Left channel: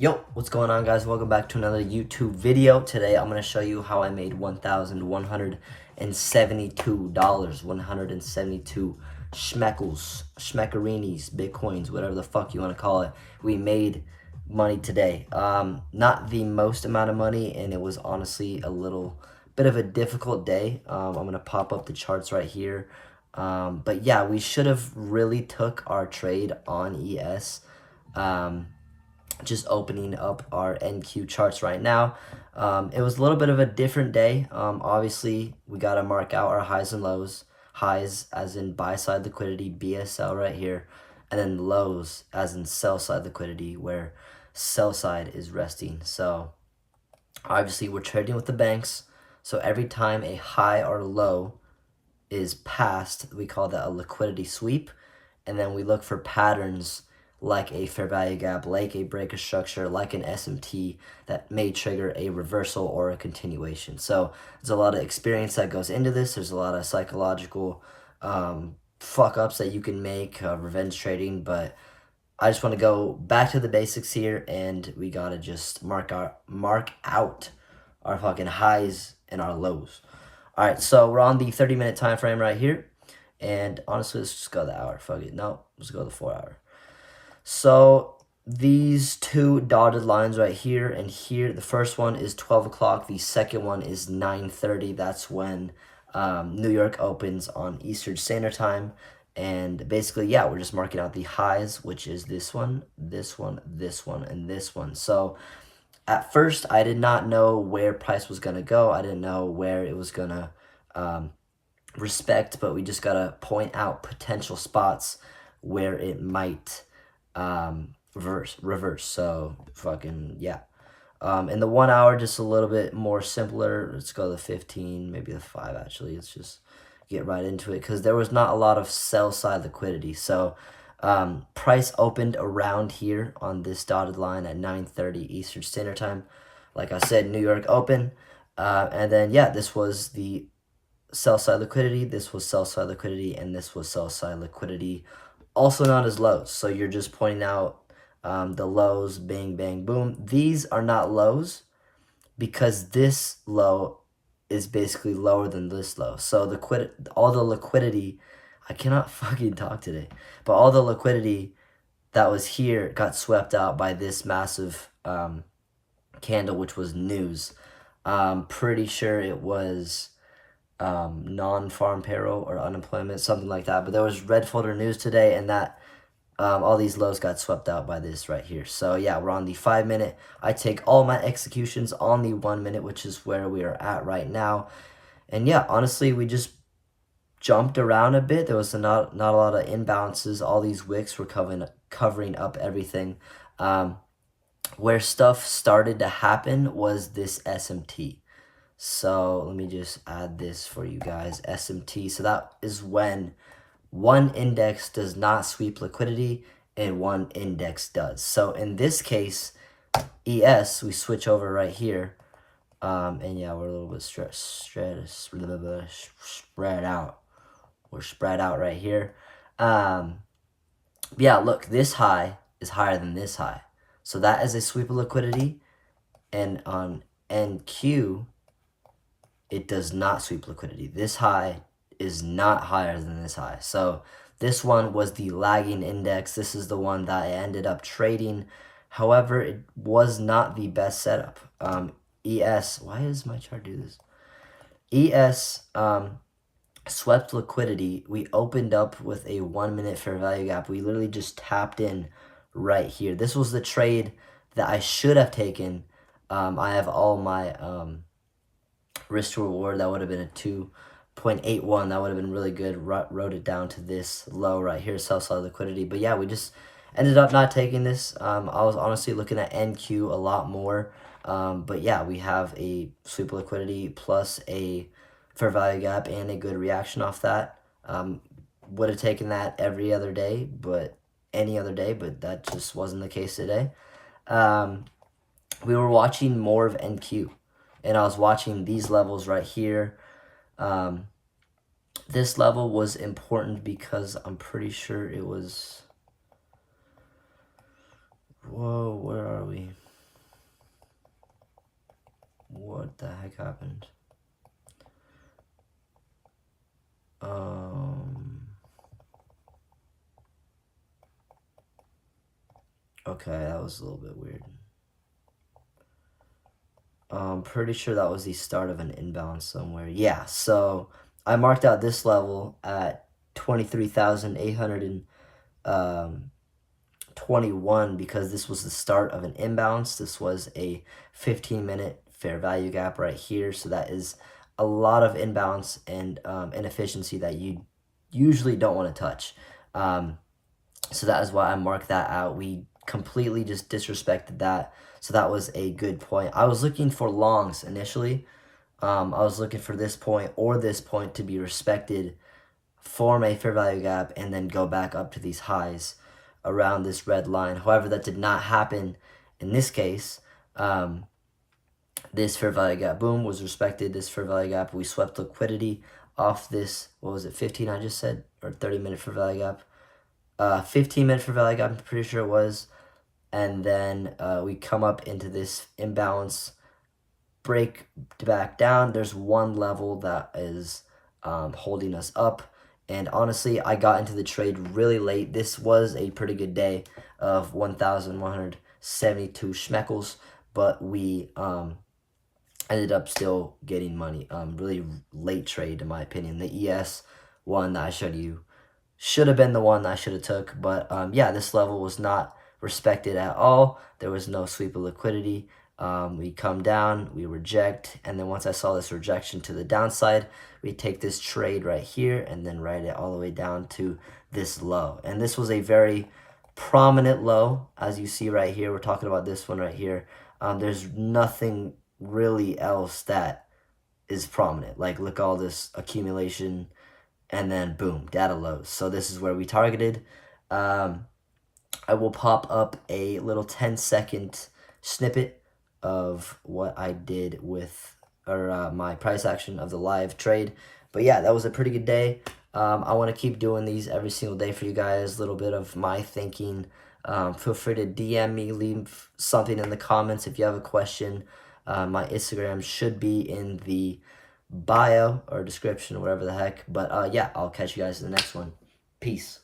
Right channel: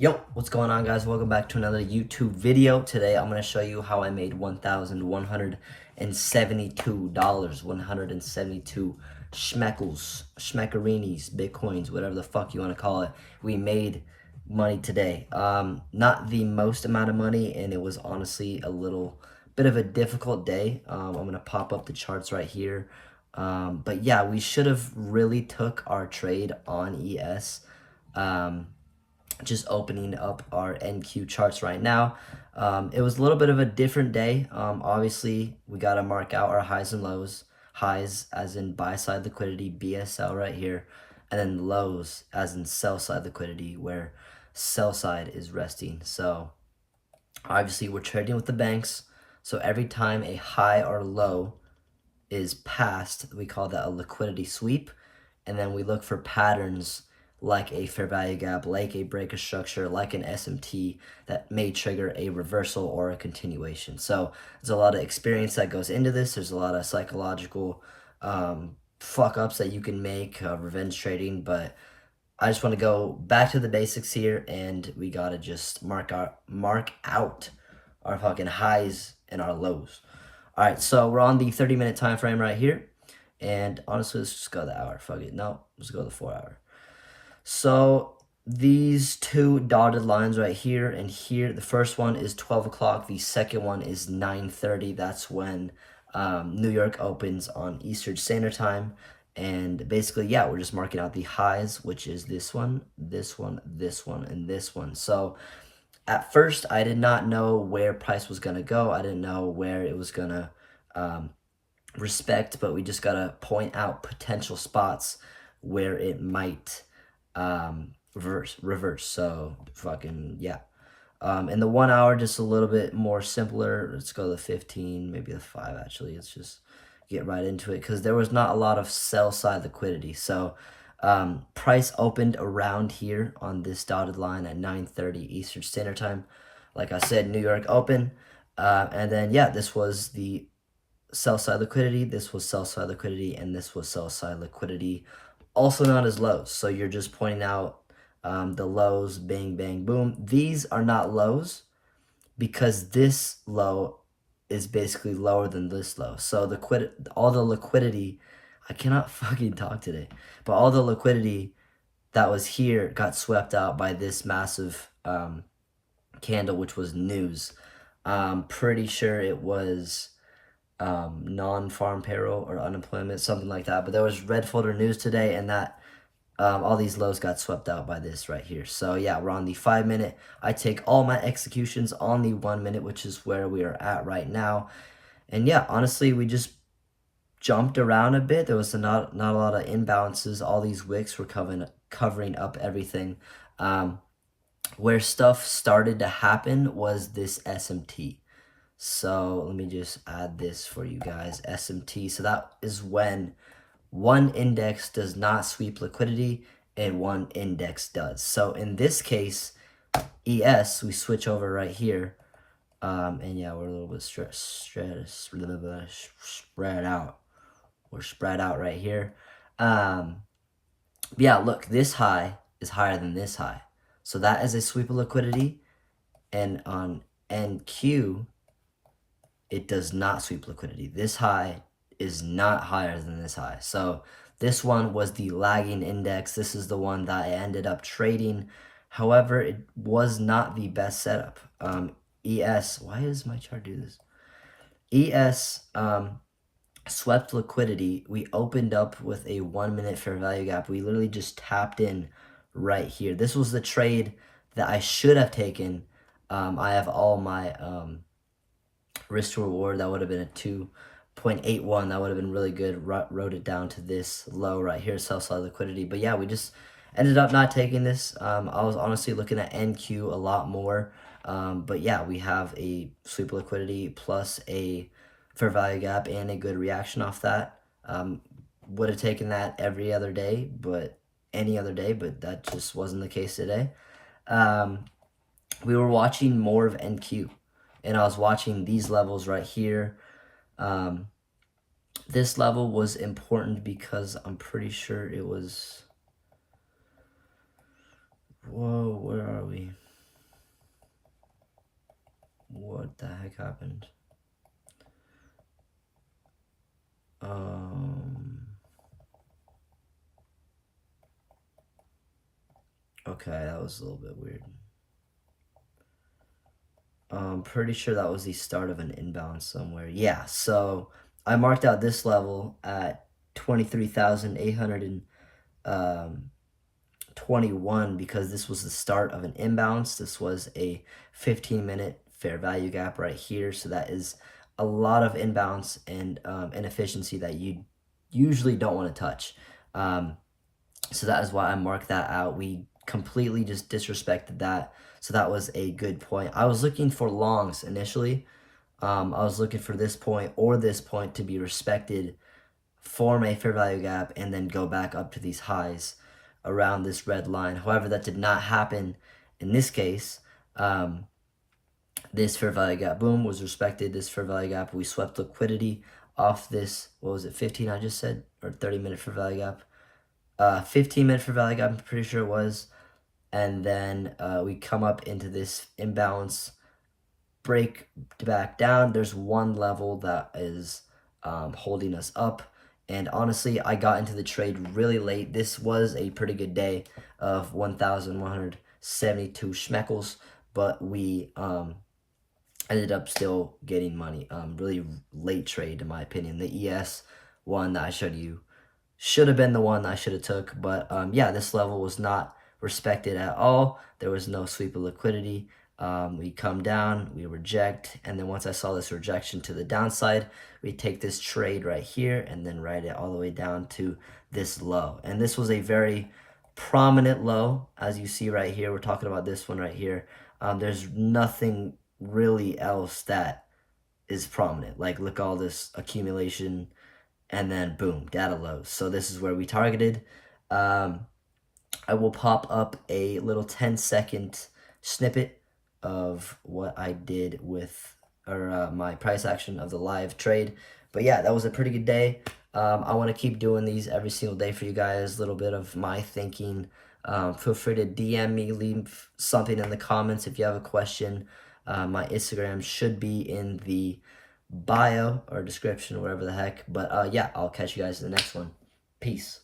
Yo, what's going on, guys? Welcome back to another YouTube video. Today I'm going to show you how I made $1,172, 172 schmeckles, schmeckerinis, bitcoins, whatever the fuck you want to call it. We made money today. Not the most amount of money, and it was honestly a little bit of a difficult day. I'm going to pop up the charts right here. But yeah, we should have really took our trade on ES. Just opening up our NQ charts right now. It was a little bit of a different day. Obviously, we got to mark out our highs and lows. Highs as in buy side liquidity, BSL right here, and then lows as in sell side liquidity, where sell side is resting. So obviously, we're trading with the banks. So every time a high or low is passed, we call that a liquidity sweep. And then we look for patterns like a fair value gap, like a break of structure, like an SMT that may trigger a reversal or a continuation. So there's a lot of experience that goes into this. There's a lot of psychological fuck ups that you can make, revenge trading, but I just want to go back to the basics here, and we gotta just mark out our fucking highs and our lows. All right, so we're on the 30-minute time frame right here, and honestly, let's just go the hour. Fuck it, no, let's go the 4 hour. So these two dotted lines right here and here, the first one is 12 o'clock. The second one is 9:30. That's when New York opens on Eastern Standard Time. And basically, yeah, we're just marking out the highs, which is this one, this one, this one, and this one. So at first, I did not know where price was going to go. I didn't know where it was going to respect, but we just got to point out potential spots where it might reverse. So fucking yeah. In the 1 hour, just a little bit more simpler. Let's go to the 15, maybe the 5 actually. Let's just get right into it, because there was not a lot of sell side liquidity. So price opened around here on this dotted line at 9:30 Eastern Standard Time. Like I said, New York open. And then yeah, this was the sell side liquidity, this was sell side liquidity, and this was sell side liquidity, also known as lows. So you're just pointing out the lows, bang, bang, boom. These are not lows because this low is basically lower than this low. So all the liquidity, I cannot fucking talk today, but all the liquidity that was here got swept out by this massive candle, which was news. Pretty sure it was non-farm payroll or unemployment, something like that. But there was red folder news today, and that all these lows got swept out by this right here. So yeah, we're on the 5 minute. I take all my executions on the 1 minute, which is where we are at right now. And yeah, honestly, we just jumped around a bit. There was not a lot of imbalances. All these wicks were covering up everything. Where stuff started to happen was this SMT. So let me just add this for you guys, SMT. So that is when one index does not sweep liquidity and one index does. So in this case, ES, we switch over right here. And yeah, we're a little bit spread out. We're spread out right here. Yeah, look, this high is higher than this high. So that is a sweep of liquidity. And on NQ, it does not sweep liquidity. This high is not higher than this high. So this one was the lagging index. This is the one that I ended up trading. However, it was not the best setup. ES, why does my chart do this? ES swept liquidity. We opened up with a 1 minute fair value gap. We literally just tapped in right here. This was the trade that I should have taken. I have all my risk to reward. That would have been a 2.81. That would have been really good. Wrote it down to this low right here, sell side liquidity. But yeah, we just ended up not taking this. I was honestly looking at NQ a lot more. But yeah, we have a sweep liquidity plus a fair value gap and a good reaction off that. Would have taken that every other day, but any other day, but that just wasn't the case today. We were watching more of NQ. And I was watching these levels right here. This level was important because I'm pretty sure it was... Whoa, where are we? the heck happened? Okay, that was a little bit weird. I'm pretty sure that was the start of an inbound somewhere. Yeah, so I marked out this level at 23,821 because this was the start of an inbounce. This was a 15-minute fair value gap right here. So that is a lot of inbounce and inefficiency that you usually don't want to touch. So that is why I marked that out. We completely just disrespected that. So that was a good point. I was looking for longs initially. I was looking for this point or this point to be respected, form a fair value gap, and then go back up to these highs around this red line. However, that did not happen in this case. This fair value gap, boom, was respected. This fair value gap, we swept liquidity off this, what was it, 15 I just said, or 30-minute fair value gap. 15-minute fair value gap, I'm pretty sure it was. And then we come up into this imbalance, break back down. There's one level that is holding us up. And honestly, I got into the trade really late. This was a pretty good day of 1,172 schmeckles, but we ended up still getting money. Really late trade, in my opinion. The ES one that I showed you should have been the one that I should have took. But yeah, this level was not respected at all. There was no sweep of liquidity. We come down, we reject, and then once I saw this rejection to the downside, we take this trade right here and then write it all the way down to this low. And this was a very prominent low, as you see right here. We're talking about this one right here. There's nothing really else that is prominent. Like, look, all this accumulation, and then boom, data lows. So this is where we targeted. I will pop up a little 10-second snippet of what I did with my price action of the live trade. But yeah, that was a pretty good day. I want to keep doing these every single day for you guys. A little bit of my thinking. Feel free to DM me, leave something in the comments if you have a question. My Instagram should be in the bio or description or whatever the heck. But yeah, I'll catch you guys in the next one. Peace.